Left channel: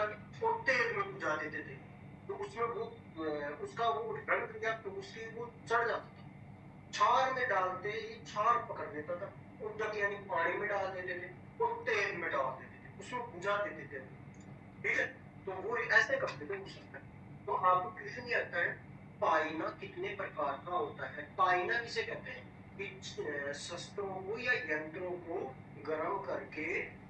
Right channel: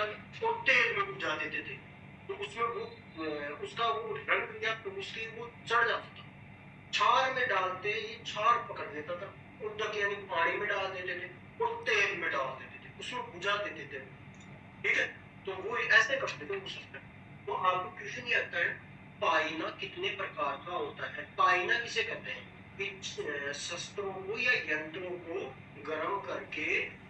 बुझा के और तेल में बुझा देते थे, तो उसमें वो उसका वो रंग या तो उसकी वो चढ़ जाता था। छार में डालते ही छार पकड़ लेता था, उदक यानी पानी में डाल देते थे और तेल में डाल देते थे, उसमें बुझा देते थे। ठीक है, तो वो ऐसे करते थे उस समय। तो आपको क्वेश्चन ये आता है पाइना कितने प्रकार का होता है। पाइना किसे कहते हैं कि शस्त्रों को या यंत्रों को गर्म करके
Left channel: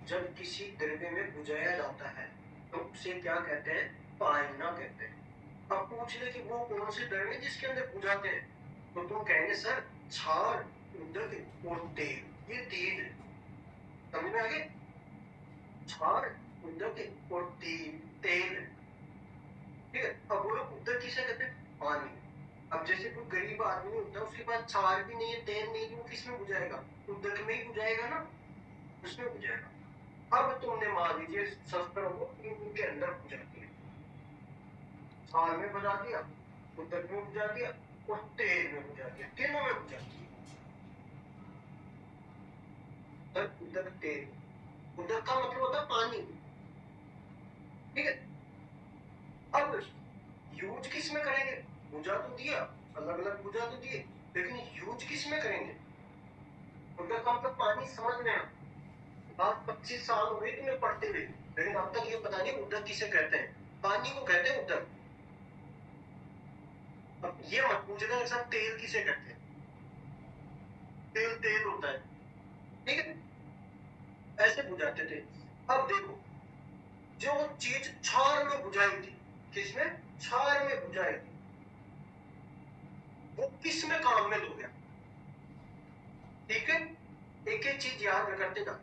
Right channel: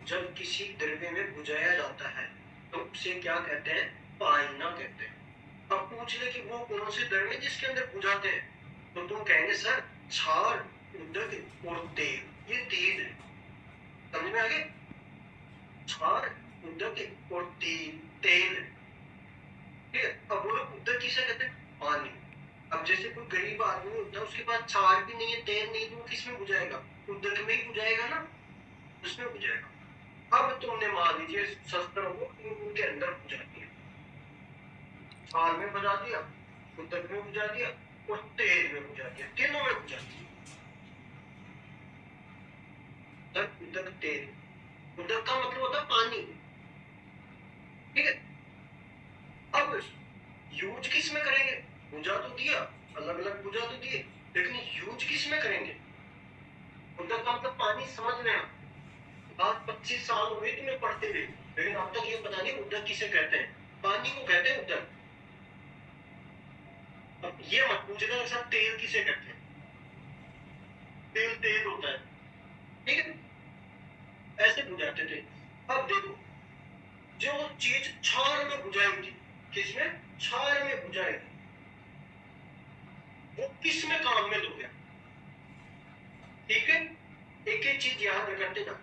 जब किसी द्रव्य में बुझाया जाता है तो उसे क्या कहते हैं, पाइना कहते हैं। अब पूछ ले कि वो कौन से द्रव्य जिसके अंदर बुझाते हैं, तो तुम कहेंगे सर क्षार, उदक और तेल, ये तीन है। समझ में आ गए, क्षार, उदक और तेल। ठीक है, अब बोलो उदक किसे कहते हैं, पानी। अब जैसे कोई गरीब आदमी होता है, उसके पास क्षार भी नहीं है, तेल नहीं, तो वो किसमें बुझाएगा, उदक में ही बुझाएगा ना, उसमें बुझाएगा। अब तुमने मान लीजिए शस्त्रों को उनके अंदर बुझा दिया, क्षार में बुझा दिया, उदक में बुझा दिया और तेल में बुझा दिया, तीनों में बुझा दिया। उदक तेल, उदक का मतलब होता है पानी। ठीक है, अब यूज किस में करेंगे, बुझा तो दिया, अलग अलग बुझा तो दिए, लेकिन यूज किस में करेंगे। उदक का मतलब पानी, समझ लेना। आज 25 साल हो गए तुम्हें पढ़ते हुए, लेकिन अब तक ये पता नहीं उदक किसे कहते हैं, पानी को कहते हैं उदक। अब ये मत पूछना सर तेल किसे कहते हैं, तेल तेल होता है। ठीक है, ऐसे बुझाते थे। अब देखो, जो चीज छार में बुझाई थी, किसमें, छार में बुझाई थी, वो किस में काम में लो गया। ठीक है, एक एक चीज याद रखते ना,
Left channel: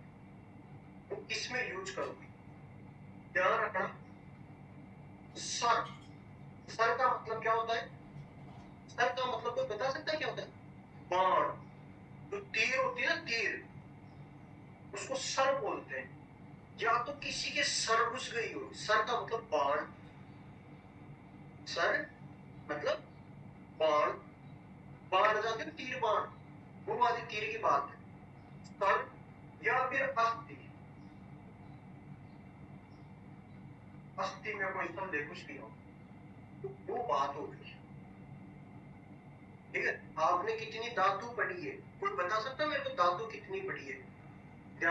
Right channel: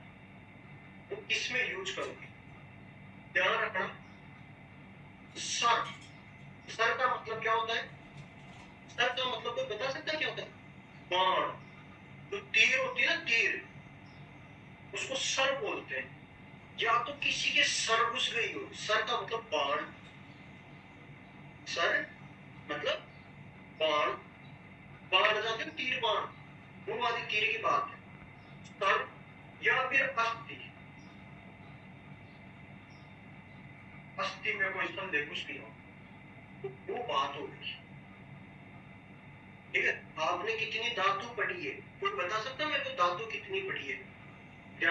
वो किस में यूज करोगे, ध्यान रखना। सर, सर का मतलब क्या होता है, सर का मतलब कोई बता सकता है क्या होता है, बाण। जो तीर होती है ना, तीर, उसको सर बोलते हैं। या तो किसी के सर घुस गई हो, सर का मतलब बाण, सर मतलब बाण, बाण लगाते हैं तीर बाण, वो वाली तीर की बात है। सर या फिर अस्थि, अस्थि में कोई संदेह कुछ भी हो, तो वो बात हो गई। ठीक है, आपने कितनी धातु पढ़ी है, कोई बता सकता है मेरे को धातु कितनी पढ़ी है,